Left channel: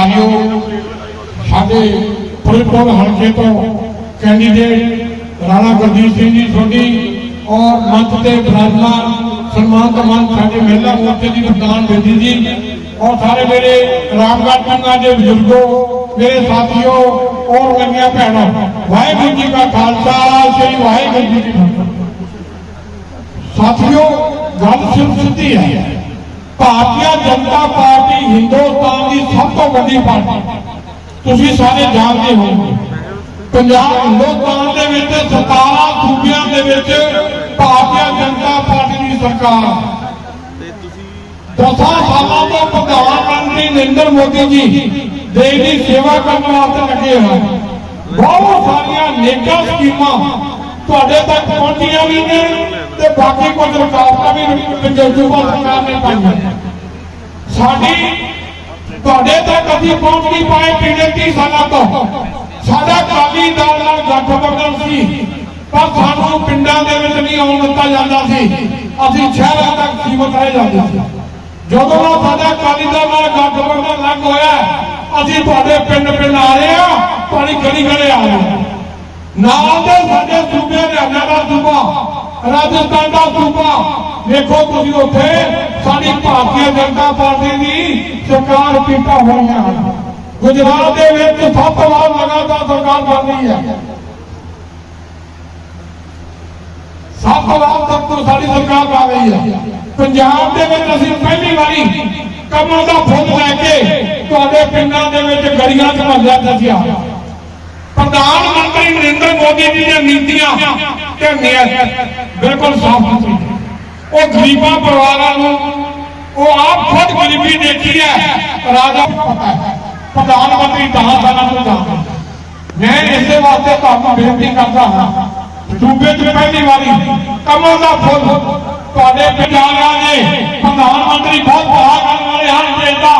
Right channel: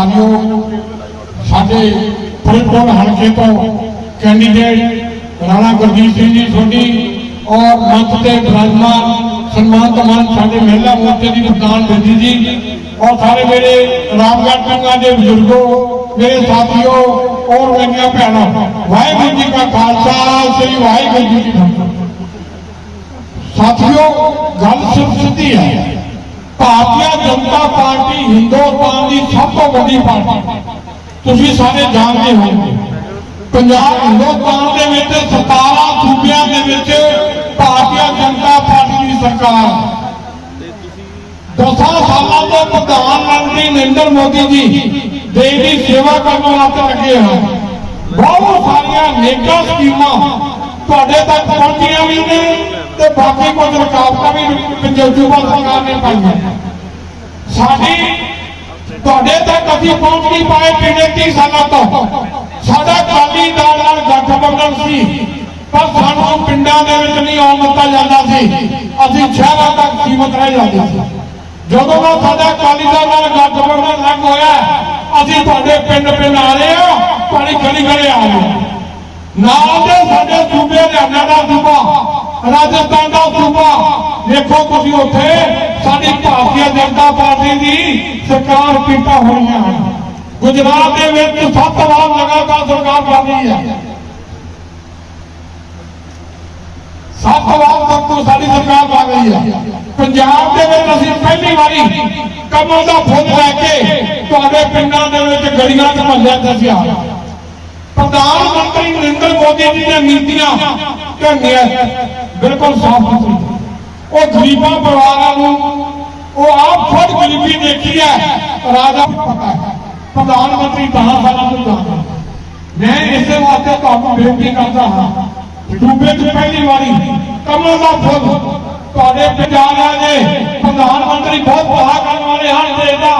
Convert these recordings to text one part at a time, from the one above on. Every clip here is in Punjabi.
ਸਤਿਕਾਰਯੋਗ ਸਾਡੇ ਫਰੀਦਕੋਟ ਹਲਕੇ ਤੋਂ ਕੈਂਡੀਡੇਟ ਰਾਣਾ ਗੁਰਜੀਤ ਸਿੰਘ ਜੀ ਸੋਢੀ ਔਰ ਮੰਚ ਤੇ ਬਰਾਜਮਾਨ ਸਨਮਾਨਿਤ ਮਨ ਸਾਡੇ ਮਹਿਲਾ ਮੋਰਚੇ ਦੀ ਪ੍ਰਧਾਨ ਬੇਦੀ ਜੀ ਔਰ ਸਾਰੇ ਮੇਰੇ ਰਾਮਗੜ੍ਹ ਪਿੰਡਾਂ ਦੇ ਬਜ਼ੁਰਗੋ, ਮੇਰੇ ਸਾਥੀਓ ਔਰ ਮੇਰੀਆਂ ਭੈਣਾਂ, ਵਾਹਿਗੁਰੂ ਜੀ ਕਾ ਖਾਲਸਾ, ਸ੍ਰੀ ਵਾਹਿਗੁਰੂ ਜੀ ਕੀ ਫਤਿਹ। ਸਾਥੀਓ, ਗੱਲ ਸਿਰਫ ਸਿੱਧੀ ਹੈ। ਭਾਰਤੀ ਜਨਤਾ ਪਾਰਟੀ ਹਿੰਦੁਸਤਾਨ ਦੀ ਸਭ ਤੋਂ ਵੱਡੀ ਪਾਰਟੀ। ਤੁਸੀਂ ਸਾਰੇ ਜਾਣਦੇ ਹੋ ਪੰਜਾਬ ਹਿੰਦੁਸਤਾਨ ਦੇ ਵਿੱਚ 17 ਸੂਬਿਆਂ ਦੇ ਵਿੱਚ ਭਾਰਤੀ ਜਨਤਾ ਪਾਰਟੀ ਦੀ ਸਰਕਾਰ। ਦਸਾਂ ਸਾਲਾਂ ਤੋਂ ਪ੍ਰਧਾਨ ਮੰਤਰੀ ਨਰਿੰਦਰ ਮੋਦੀ ਜੀ ਦੇਸ਼ ਦੀ ਸੇਵਾ ਕਰਨ ਵਾਸਤੇ ਲੱਗੇ ਹਨ ਬਹੁਤ ਸਾਰੀਆਂ ਨੇਕਾਂ ਸਕੀਮਾਂ ਤੁਹਾਡੇ ਤੱਕ ਪਹੁੰਚੀਆਂ ਵੀ ਨੇ। ਤੇ ਬਾਕੀ ਕੁਝ ਰੁਕਾਵਟਾਂ ਵੀ ਪੰਜੋਜੂਬਾ ਸਰਕਾਰ ਨੇ ਪਾਈਆਂ। ਸਾਡੀ ਤੁਹਾਡੇ ਤੱਕ ਅਸੀਂ ਪਹੁੰਚ ਨਹੀਂ ਪਾਏ ਪਿਛਲੇ 30 ਸਾਲਾਂ ਤੋਂ ਸਾਡਾ ਕਾਲੀ ਦਲ ਨਾਲ ਗੱਠਬੰਧਨ ਸੀ, ਪਰ ਸਾਨੂੰ ਪਿੰਡਾਂ ਦੇ ਵਿੱਚ ਨਹੀਂ ਆਉਣ ਦਿੱਤਾ ਜਾਂਦਾ ਸੀ। ਅਸੀਂ ਸ਼ਹਿਰਾਂ ਤੱਕ ਸੀਮਤ ਰਹਿ ਜਾਂਦੇ ਸੀ। ਜਦੋਂ ਦਾ ਸਾਡਾ ਕਾਲੀ ਦਲ ਨਾਲ ਗੱਠਬੰਧਨ ਲੱਗ ਹੋਇਆ, ਅਸੀਂ ਤੁਹਾਡੇ ਪਿੰਡ ਪਿੰਡ ਆ ਰਹੇ ਹਾਂ, ਤੁਹਾਡੀ ਗਲੀ ਗਲੀ ਆ ਰਹੇ ਹਾਂ। ਨਾਲ ਦੇ ਰਾਜਸਥਾਨ ਦਾ ਸੂਬਾ ਦੇਖੋ ਤੁਸੀਂ ਉੱਥੇ ਸਾਡੀ ਭਾਰਤੀ ਜਨਤਾ ਪਾਰਟੀ ਦੀ ਸਰਕਾਰ ਕੀਤਾ ਹੋਈਆਂ ਹਨ ਗੁਜਰਾਤ ਦੇ ਵਿੱਚ ਸੱਤ ਵਾਰ ਲਗਾਤਾਰ ਸਰਕਾਰ ਬਣ ਰਹੀ ਹੈ ਸੱਤ ਵਾਰ ਤੱਕ ਤੋਂ ਸਾਡੀ ਸਰਕਾਰ ਬਣ ਰਹੀ ਹੈ ਪੰਜਾਬ ਦੇ ਵਿੱਚ ਅਸੀਂ ਪਹਿਲੀ ਵਾਰੀ ਕਮਲ ਦਾ ਫੁੱਲ ਲੈ ਕੇ ਤੁਹਾਡੇ ਪਿੰਡਾਂ ਦੇ ਵਿੱਚ ਗਲੀਆਂ 'ਚ ਮਹੱਲਿਆਂ ਦੱਸਿਆ ਪ੍ਰਧਾਨ ਮੰਤਰੀ ਨਰਿੰਦਰ ਮੋਦੀ ਜੀ ਦੀਆਂ ਨੀਤੀਆਂ ਤੇ ਨਿਆਂ ਬਿਲਕੁਲ ਸਾਫ਼ ਸੁਥਰੀ। ਉਹ ਗਰੀਬਾਂ ਪਰਿਵਾਰਾਂ ਨੂੰ, ਉਹ ਆਪ ਖੁਦ ਗਰੀਬੀ ਦੇਖੀ ਹੈ। ਰਾਜਾ ਪਤਾ ਹੈ। ਪ੍ਰਧਾਨ ਮੰਤਰੀ ਦਹਾਂ ਸਾਲਾਂ ਤੋਂ ਜਾਂਦਾ ਮੈਂ ਇਸੇ ਵਾਸਤੇ ਤੁਹਾਨੂੰ ਬੇਨਤੀ ਕਰਦਾ ਹਾਂ ਸੂਬੇ 'ਚ ਪਹਿਲੀ ਵਾਰੀ ਕਮਲ ਦਾ ਫੁੱਲ ਤੁਹਾਡੇ ਪੰਜਾਬ ਦੇ ਪ੍ਰਧਾਨ ਮੰਤਰੀ ਬਹੁਤ ਬਹਾ ਕਰਨ ਵਾਲੇ ਹਨ ਦੇਸ਼ ਦਾ।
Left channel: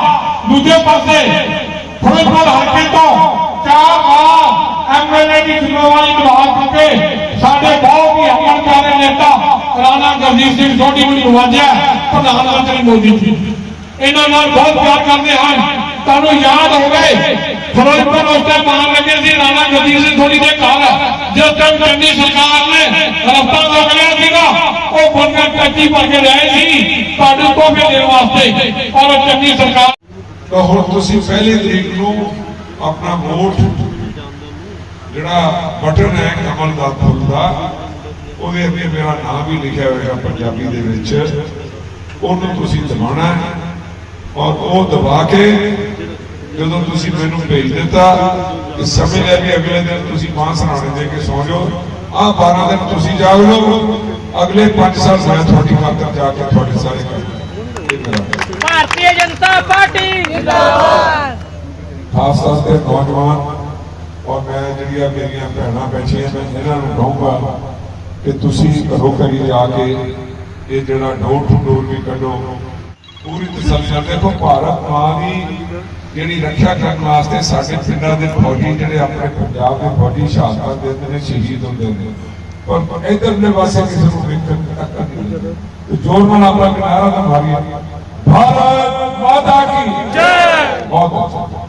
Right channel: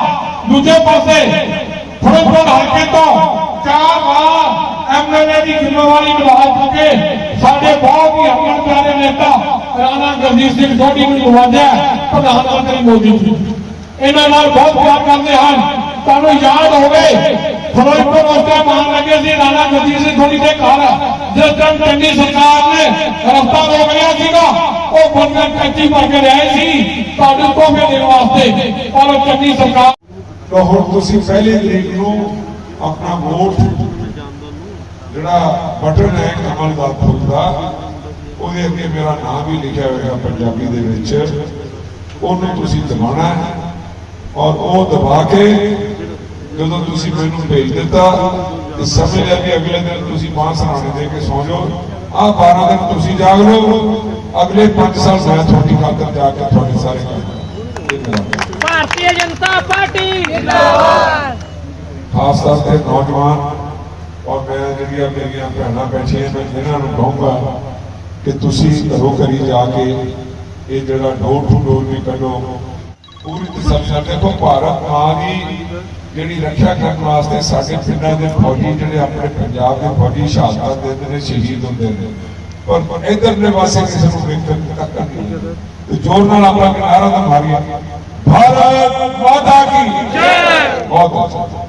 ਦੂਜੇ ਪਾਸੇ ਫਿਰੋਜ਼ਪੁਰ ਹਲਕੇ ਤੋਂ ਚਾਹ ਵਾਰ ਐਮਐਲਏ ਦੀ ਜ਼ਿੰਮੇਵਾਰੀ ਨਿਭਾ ਚੁੱਕੇ ਸਾਡੇ ਬਹੁਤ ਹੀ ਹਮਨ ਪਿਆਰੇ ਨੇਤਾ ਰਾਣਾ ਗੁਰਜੀਤ ਸਿੰਘ ਸੋਢੀ ਨੂੰ ਨਵਾਜਿਆ ਪ੍ਰਧਾਨ ਮੰਤਰੀ ਮੋਦੀ ਜੀ। ਇਹਨਾਂ ਨਾਲ ਬਹੁਤ ਪਿਆਰ ਕਰਦੇ ਹਨ ਤੁਹਾਨੂੰ ਯਾਦ ਹੋਵੇ, ਫਿਰੋਜ਼ਪੁਰ ਉਸ ਟਾਈਮ ਮਾਨ ਲੱਗੇ ਸੀ, ਰਾਣਾ ਗੁਰਜੀਤ ਸਿੰਘ ਸੋਢੀ ਦੇ ਘਰ। ਜਿਸ ਟਾਈਮ ਚੰਗੀ ਸਰਕਾਰ ਨੇ ਰਸਤਾ ਰੋਕ ਲਿਆ ਸੀਗਾ, ਉਹ ਬੰਗਰ ਕੱਚੀ ਭਰ ਕੇ ਰਹੇ ਸੀ ਤੁਹਾਨੂੰ ਤੋਹਫੇ ਦੇਣ ਵਾਸਤੇ। ਔਰ ਉਹ ਚੰਗੀ ਸਰਕਾਰ ਤਾਂ ਹੁਣ ਤੁਸੀਂ ਪਹਿਲੇ ਤਰੀਕ ਨੂੰ ਆਪਣਾ ਵੋਟ ਜਿਹੜਾ ਬਟਨ ਹੈ ਕਮਲ ਦਾ ਫੁੱਲ ਦਾ ਉਹਦੇ ਅੱਗੇ ਮੇਰਾ ਨਾਮ ਵੀ ਲਿਖਿਆ ਹੋਇਆ ਪੰਜਾਬੀ ਦੇ ਵਿੱਚ। ਉਹਨੂੰ ਤੁਸੀਂ ਦਬਾਉਣਾ ਹੈ ਔਰ ਉਹ ਦਬਾ ਕੇ ਜਦੋਂ ਤੁਸੀਂ ਮੈਨੂੰ ਭੇਜ ਦਿੱਤਾ ਕਿ ਸਮਝ ਲੈ ਕਿ ਅਗਲੇ ਦਿਨ ਤੁਸੀਂ ਬਾਂਹ ਸਰਾਣੇ ਦੇ ਕੇ ਸੌ ਜਾਓ। ਆਹ 12 ਦਿਨ ਤੁਸੀਂ ਜਾਗ ਲਓ। ਅਗਲੇ 5 ਸਾਲ ਮੈਂ ਤੁਹਾਡੀ ਖਾਤਰ ਜਾ ਕੇ ਤੁਹਾਡੇ ਸਾਰੇ ਕੰਮ ਭਾਰਤੀ ਜਨਤਾ ਪਾਰਟੀ ਜਿੰਦਾਬਾਦ। ਖਾਸ ਤੇ ਨੌਜਵਾਨ ਔਰ ਮੇਰੀਆਂ ਭੈਣਾਂ ਬੈਠੀਆਂ ਮੈਂ ਇਹਨਾਂ ਨੂੰ ਕਹੂੰਗਾ ਕਿ ਤੁਸੀਂ ਘਰੋਂ ਘਰੀ ਜਾ ਕੇ ਇਹ ਜਿਹੜਾ ਡੋਰ ਟੂ ਡੋਰ ਵੀ ਕੱਢੋ। ਪੂਰੀ ਤਸੱਲੀ ਨਾਲ ਦੇਖੋ, ਭਾਰਤ ਮਾਂ ਦੀ ਜਿਹੜੀ ਰੱਖਿਆ ਕਰਨ ਵਾਸਤੇ ਸਾਡੇ ਪਿੰਡਾਂ ਦੇ ਫੌਜੀ ਜਿਹੜੇ ਆਪਣੇ ਪੰਜਾਬ ਦੇ ਫੌਜੀ ਸ਼ਹਾਦਤਾਂ ਦਿੰਦੇ ਨੇ ਸ਼ਹੀਦ ਹੁੰਦੇ ਨੇ। ਪਰ ਇਧਰਲੇ ਪਾਸੇ ਕਿਸੇ ਨੂੰ ਵੇਖਣ ਤੇ ਜੋਰ ਨਾਲ ਆਪਣਾ ਕਿਨਾਰਾ ਤਾਂ ਮਾਰੀਏ ਭਾਰਤ ਮਾਤਾ ਕੀ ਜੈ! ਬਹੁਤ ਬਹੁਤ